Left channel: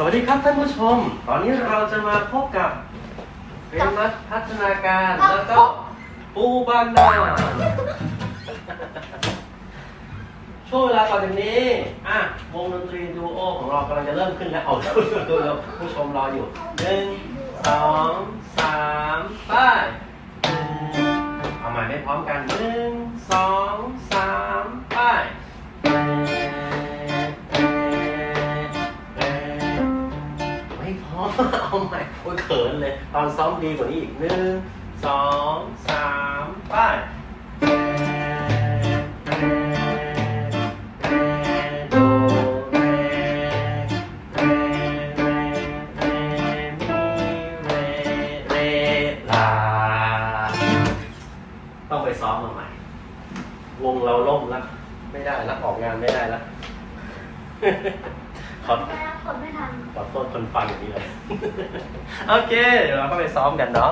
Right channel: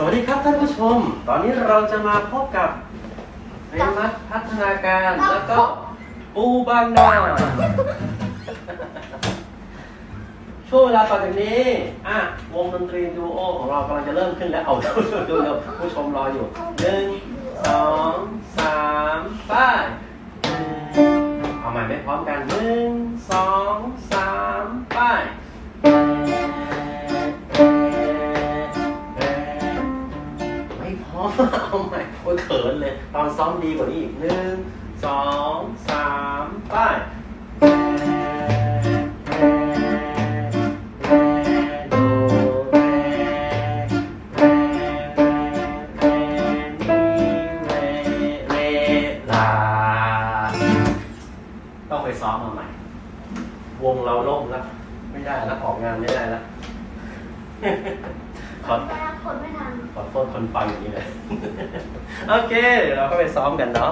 สวัสดีครับท่านผู้ชม ตอนนี้เราจะมาพบกับเฟมัสพัฒนาการแล้วก็ปูบางนาช่วงเวลาต่อจากนี้อะวงดนตรีดูโอของเรากำลังจะเริ่มขึ้นแล้วเอาผู้ชมดูเราผู้ชมรออยู่หนึ่งสองสามไปเอาใหม่ไม่พร้อมกันหนึ่งสองสาม อเอาใหมโอ้ยเขินเลย ตอนซ้อมดีกว่านี้อีกหนึ่งสองสามไปโดเรเรเรเรลาต้องไปซ้อมมาใหม่ วงเราล่มแล้ว ไม่ได้แล้วออกงานไม่ได้แล้วขอไปรับผลไม่ท ขอโทษคนฟังอย่างนี้เลย โอเค เดี๋ยวเราก็ไปซ้อมกันเนาะ